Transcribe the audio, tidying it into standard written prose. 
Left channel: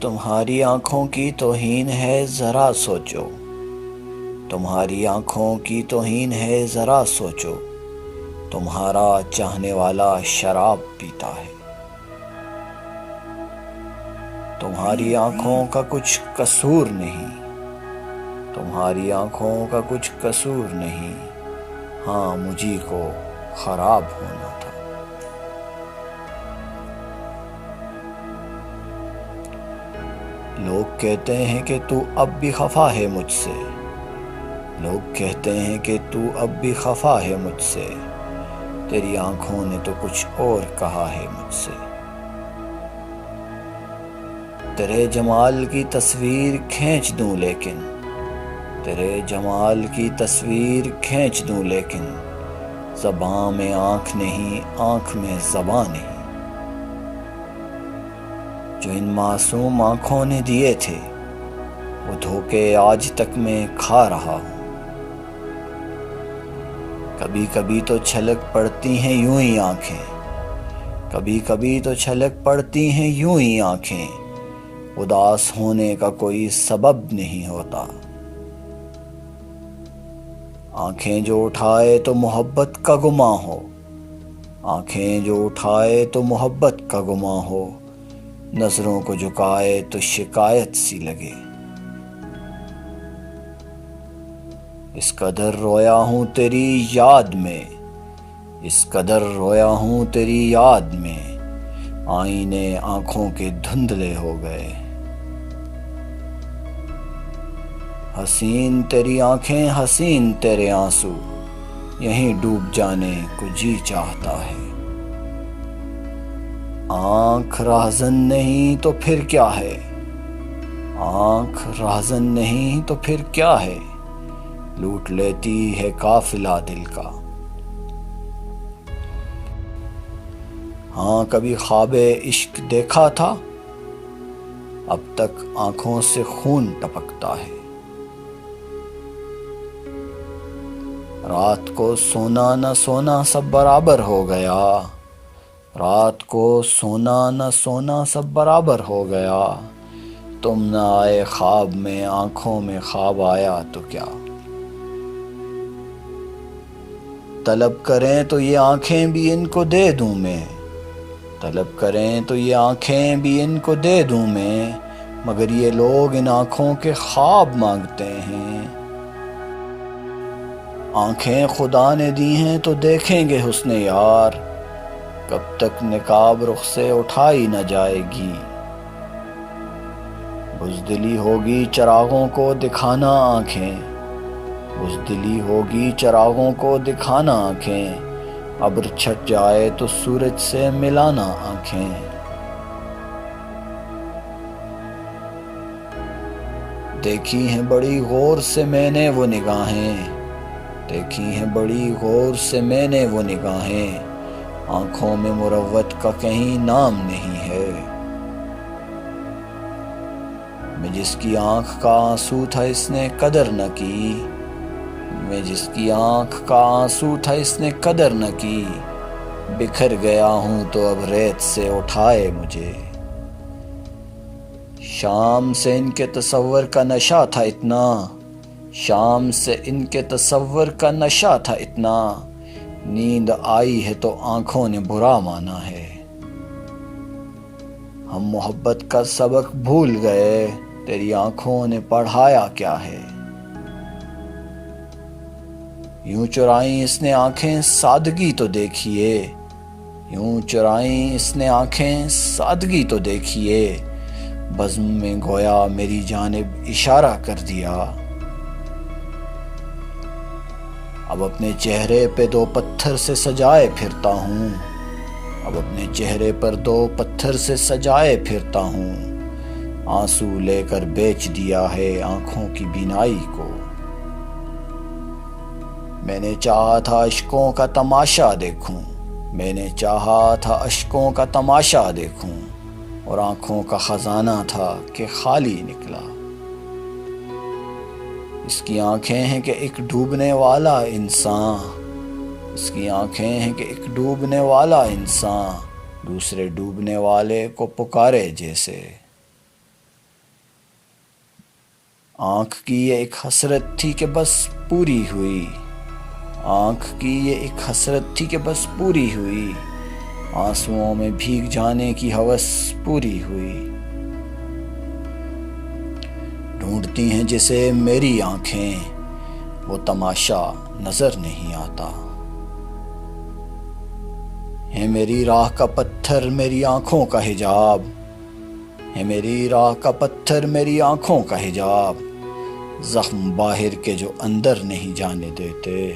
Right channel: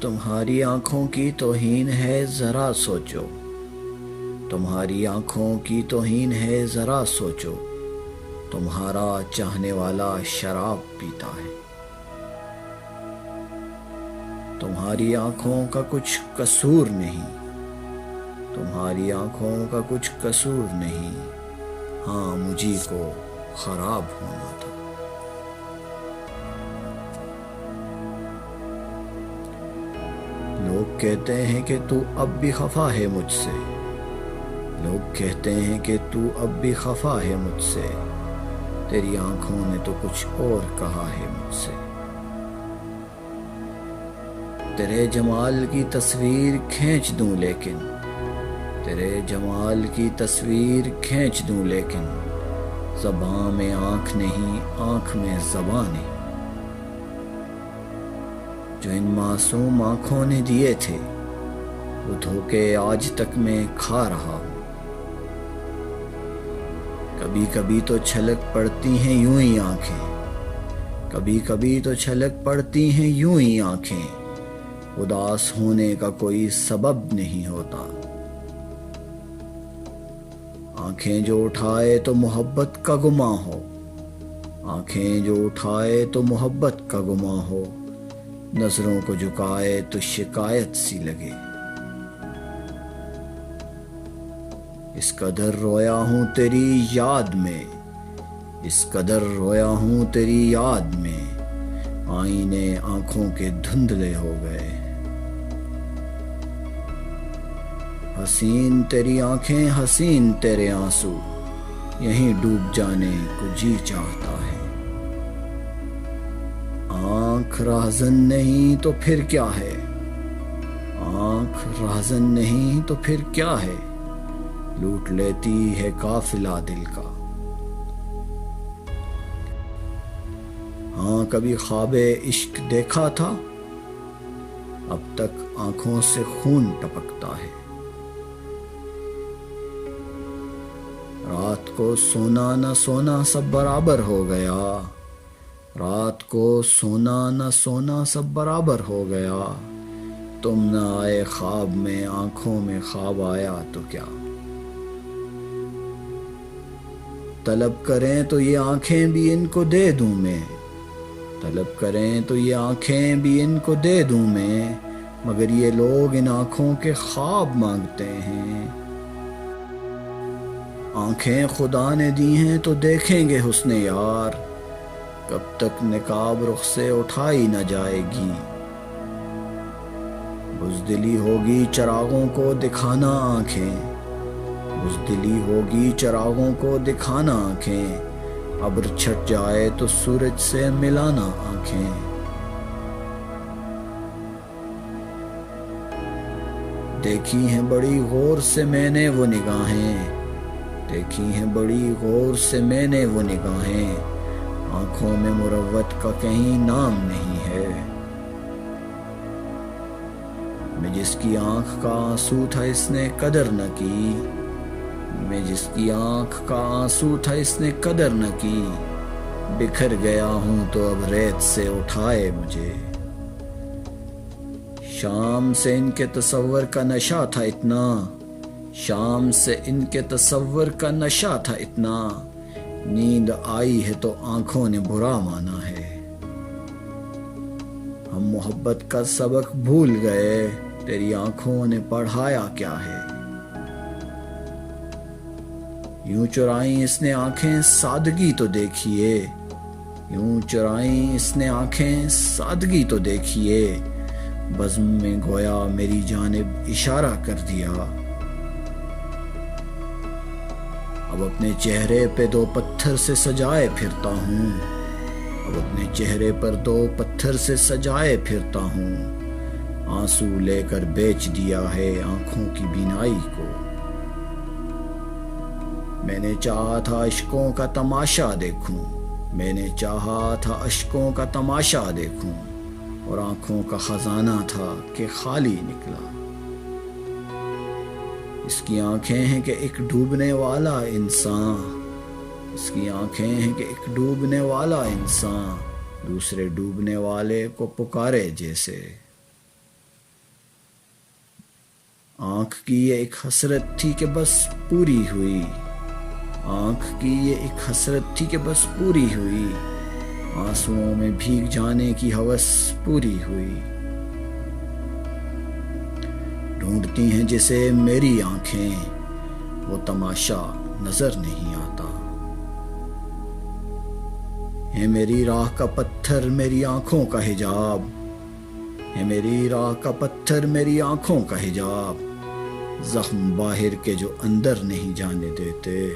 تمہاری آنکھوں کی توہین ہے ذرا سوچو، تمہاری آنکھوں کی توہین ہے ذرا سوچو، تمہارا چاہنے والا شراب پیتا ہے۔ تمہاری آنکھوں کا کچھ قصور نہیں، تمہاری آنکھوں کا کچھ قصور نہیں، ہاں مجھی کو خراب ہونا تھا۔ لوگ کہتے ہیں کہ تو اب بھی خفا ہے مجھ سے، لوگ کہتے ہیں کہ تو اب بھی خفا ہے مجھ سے، تیری آنکھوں نے تو کچھ اور کہا ہے مجھ سے۔ تیرے جمال کی تصویر کھینچ دوں لیکن، تیرے جمال کی تصویر کھینچ دوں لیکن، زباں میں آنکھ نہیں، آنکھ میں زباں نہیں۔ جو ان معصوم آنکھوں نے دیے تھے وہ دھوکے آج تک میں کھا رہا ہوں۔ کبھی کبھی تو چھلک پڑتی ہیں یوں ہی آنکھیں، کبھی کبھی تو چھلک پڑتی ہیں یوں ہی آنکھیں، اداس ہونے کا کوئی سبب نہیں ہوتا۔ آنکھیں جو اٹھائے تو محبت کا گماں ہو، آنکھیں جو اٹھائے تو محبت کا گماں ہو، نظروں کو جھکائے تو شکایت سی لگے۔ اس قدر رویا ہوں تیری یاد میں، اس قدر رویا ہوں تیری یاد میں، آئینے آنکھوں کے دھندلے ہو گئے۔ حسین تیری آنکھیں، حسین تیرے آنسو، یہیں ڈوب جانے کو جی چاہتا ہے۔ آنکھ راہزن نہیں تو پھر کیا ہے، آنکھ راہزن نہیں تو پھر کیا ہے، لوٹ لیتی ہے قافلہ دل کا۔ ہاں کبھی خواب عشق دیکھا تھا، اب تک آنکھوں سے خون ٹپکتا ہے۔ رات کو سونا نہ سونا سب برابر ہو گیا، رات کو سونا نہ سونا سب برابر ہو گیا، تم نہ آئے خواب میں، آنکھوں میں خواب آیا تو کیا۔ طلب کریں تو یہ آنکھیں بھی ان کو دے دوں میں، طلب کریں تو یہ آنکھیں بھی ان کو دے دوں میں، مگر یہ لوگ ان آنکھوں کے خواب مانگتے ہیں۔ آنکھیں خدا نے دی ہیں تو دیکھیں گے حسن یار، کب تک نقاب رخ سے اٹھائی نہ جائے گی۔ بزدلی ہوگی چراغوں کو دکھانا آنکھیں، بزدلی ہوگی چراغوں کو دکھانا آنکھیں، ابر چھٹ جائے تو سورج سے ملانا آنکھیں۔ دیکھی ہیں بڑی غور سے میں نے وہ نگاہیں، دیکھی ہیں بڑی غور سے میں نے وہ نگاہیں، آنکھوں میں مروت کا کہیں نام نہیں ہے۔ میں جس کی آنکھ کا آنسو تھا اس نے قدر نہ کی، میں جس کی آنکھ کا آنسو تھا اس نے قدر نہ کی، بکھر گیا ہوں تو اب ریت سے اٹھائے مجھے۔ شام سے ان کے تصور کا نشہ تھا اتنا، شام سے ان کے تصور کا نشہ تھا اتنا، نیند آئی ہے تو آنکھوں نے برا مانا ہے۔ ہم محبت کا سبق بھول گئے، تیری آنکھوں نے پڑھایا کیا ہے۔ یوں چرائیں اس نے آنکھیں سادگی تو دیکھیے، یوں چرائیں اس نے آنکھیں سادگی تو دیکھیے، بزم میں گویا میری جانب اشارہ کر دیا۔ اب اپنے چہرے پہ دو پتھر سے سجائے پھرتا ہوں، اب اپنے چہرے پر دو پتھر سے سجائے پھرتا ہوں، آنسو لے کر بیچ دیا ہے آنکھوں کی بینائی کو۔ میں نے چاہا تھا اشکوں کا تماشا دیکھوں، میں نے چاہا تھا اشکوں کا تماشا دیکھوں، اور آنکھوں کا خزانہ تھا کہ خالی نکلا۔ اس کی آنکھیں ہیں کہ ایک ڈوبنے والا انسان، اس کی آنکھیں ہیں کہ ایک ڈوبنے والا انسان دوسرے ڈوبنے والے کو پکارے جیسے۔ آنکھ کی یہ ایک حسرت تھی کہ بس پوری ہوئی، آنکھ کی یہ ایک حسرت تھی کہ بس پوری ہوئی، آنسوؤں میں بھیگ جانے کی ہوس پوری ہوئی۔ ڈھونڈتی ہیں جسے میری آنکھیں، وہ تماشا نظر نہیں آتا۔ ہے میری راہ کا پتھر میری آنکھوں کا حجاب، ہے میری راہ کا پتھر میری آنکھوں کا حجاب، زخم باہر کے جو اندر نہیں جانے دیتے۔